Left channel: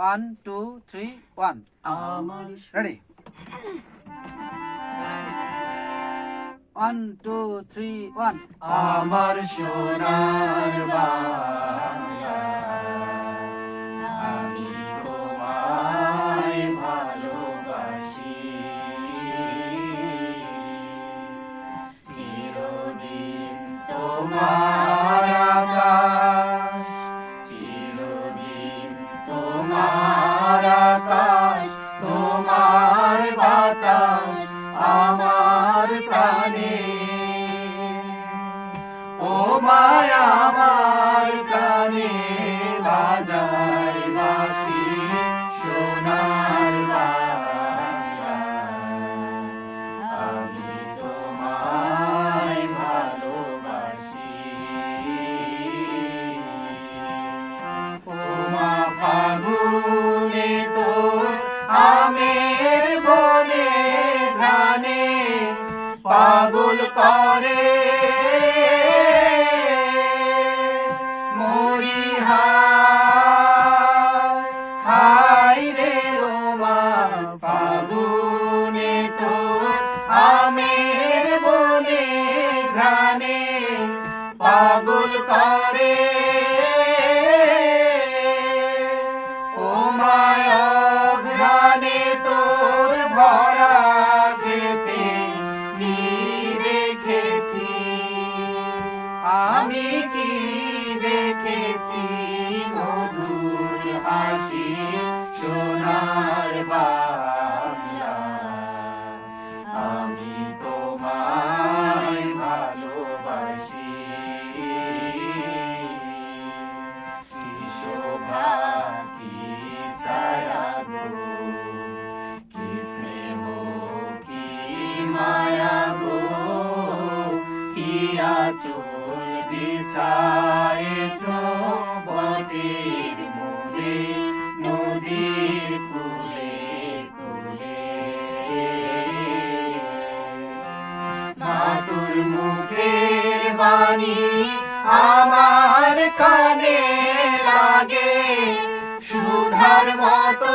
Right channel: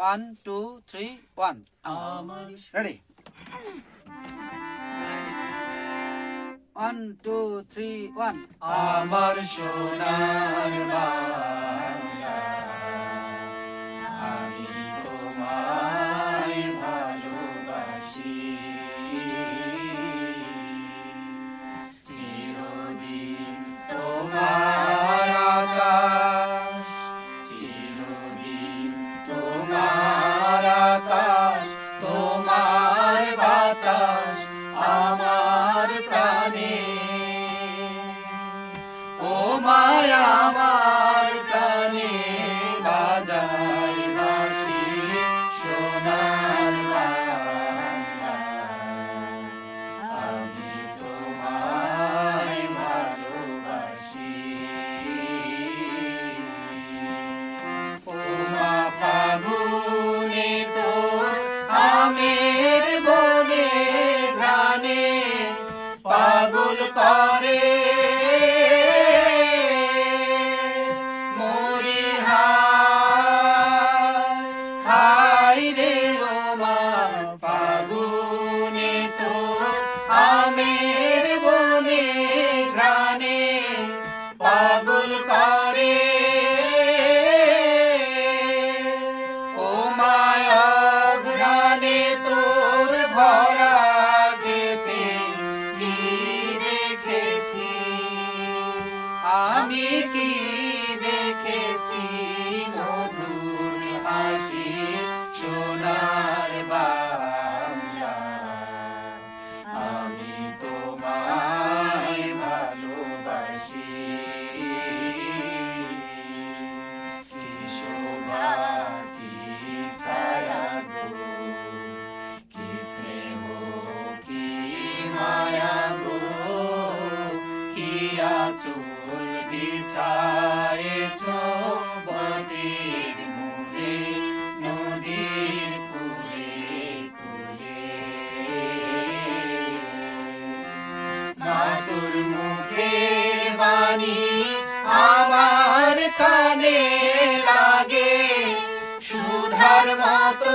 One, two, three, one. Amanish. Ready. One, two, three, one. Amar Shunar Bar. Baba. চুল বিছায়েছ বটির মুড়ে, নদীর কুলে কুলে। মাতুর মুখের বাণী আমার কানে লাগে, সুধার মতো